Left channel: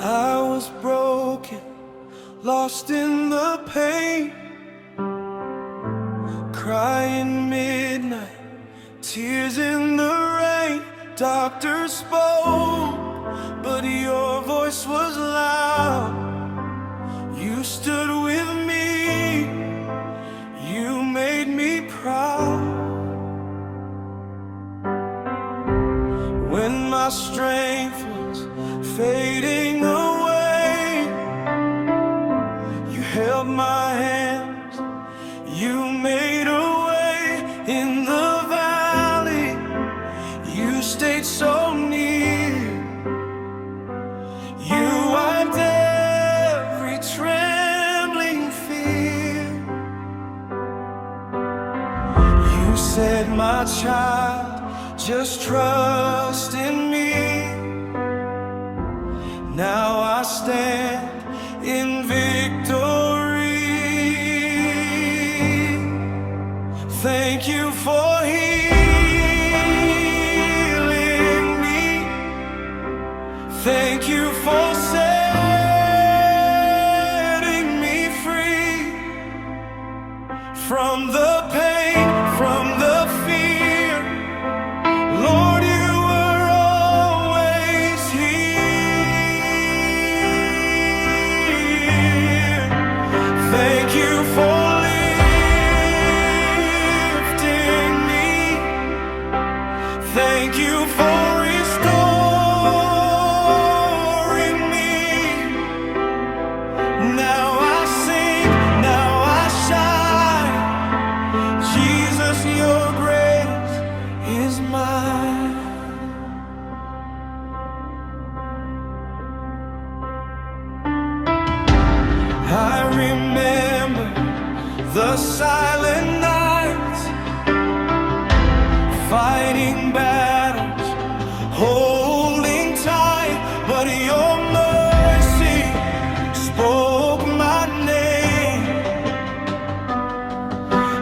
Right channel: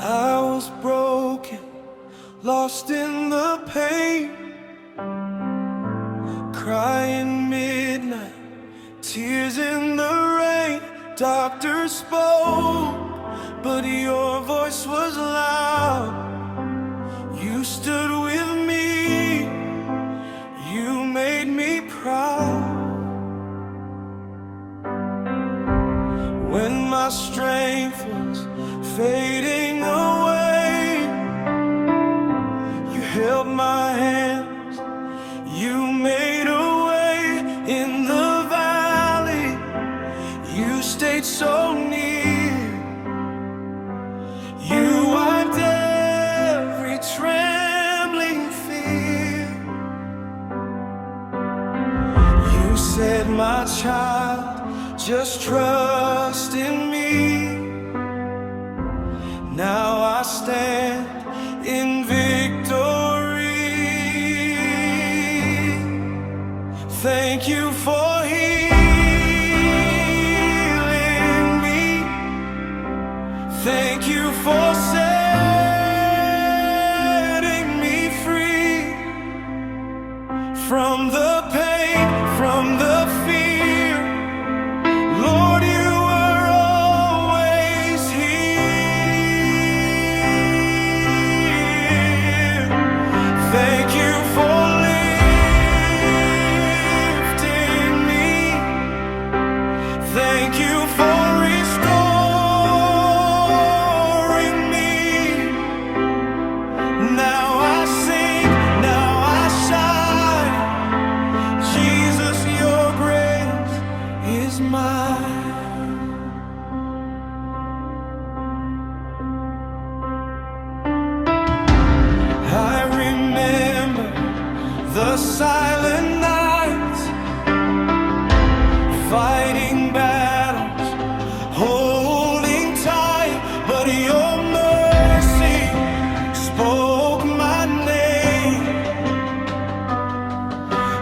I was broken, lost in the pain, crying midnight, tears in the rain. Doctors spoke, but your voice was loud. You stood with me, you made me proud. When my strength was fading away, you held my hands, you made a way in the valley. You stayed so near, you wiped every trembling fear. You said, my child, just trust in me. Now I stand in victory. Thank you for healing me. Thank you for setting me free from the pain, from the fear. Lord, you were always here. Thank you for lifting me. Thank you for restoring me. Now I sing, now I shine. Jesus, your grace is mine. I remember the silent nights, fighting battles, holding tight, but your mercy spoke my name,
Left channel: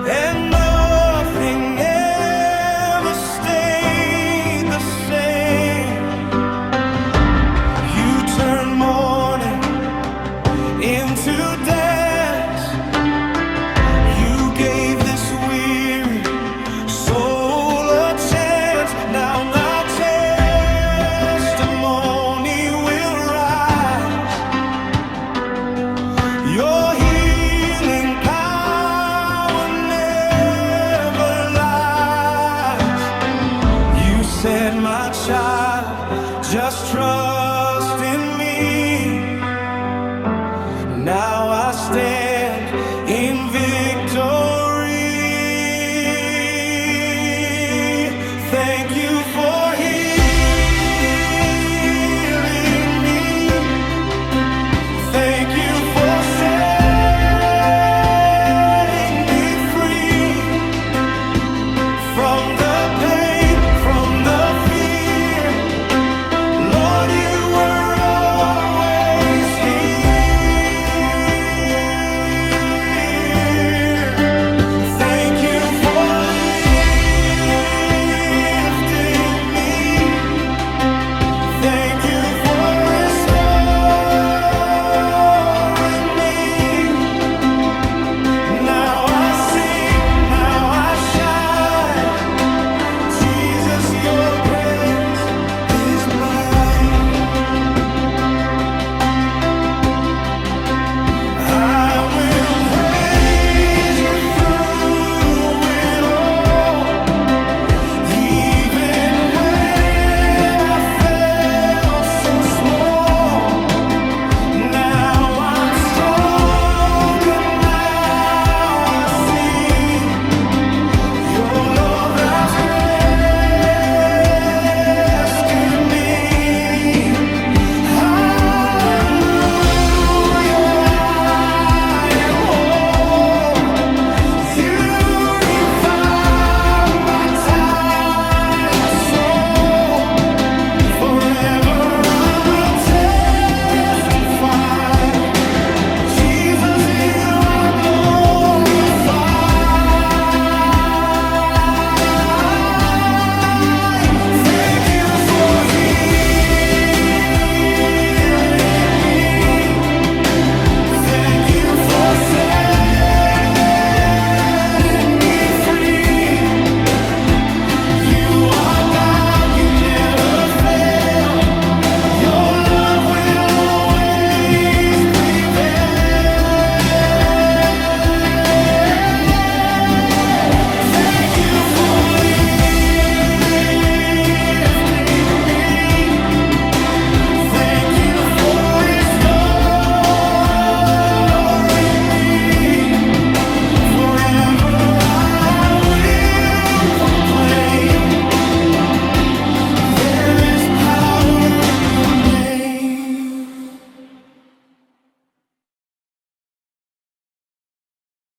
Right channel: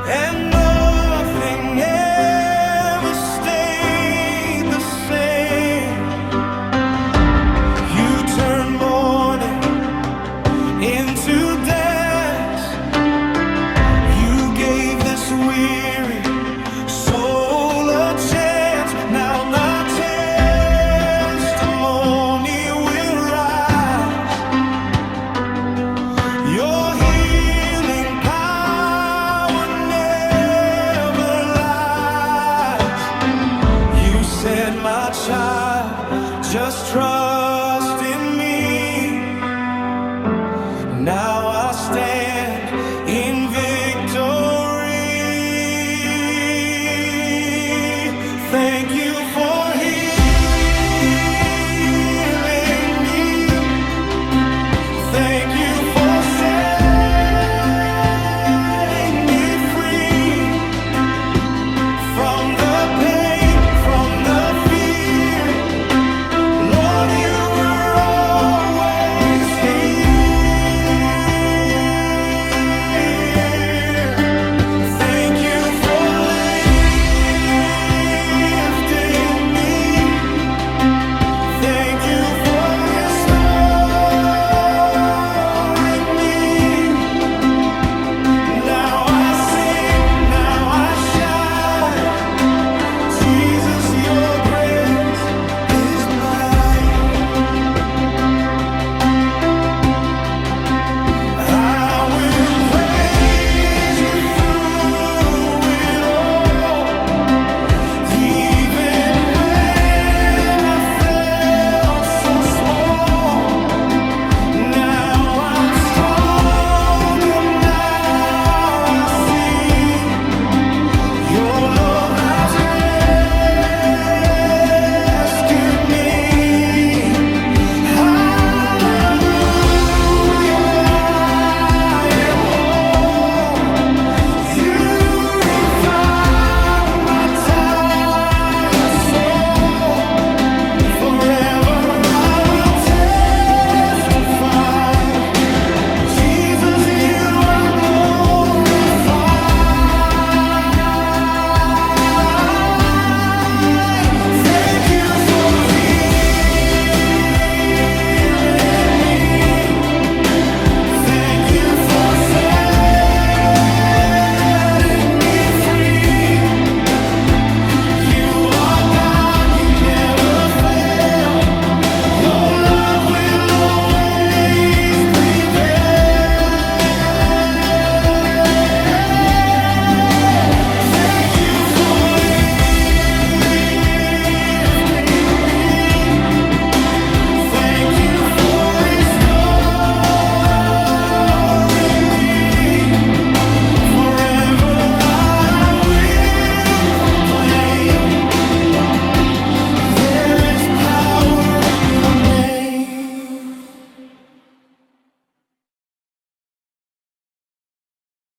and nothing ever stayed the same. You turned mourning into dance. You gave this weary soul a chance. Now my testimony will rise. Your healing power never lies. You said, my child, just trust in me. Now I stand in victory. Thank you for healing me. Thank you for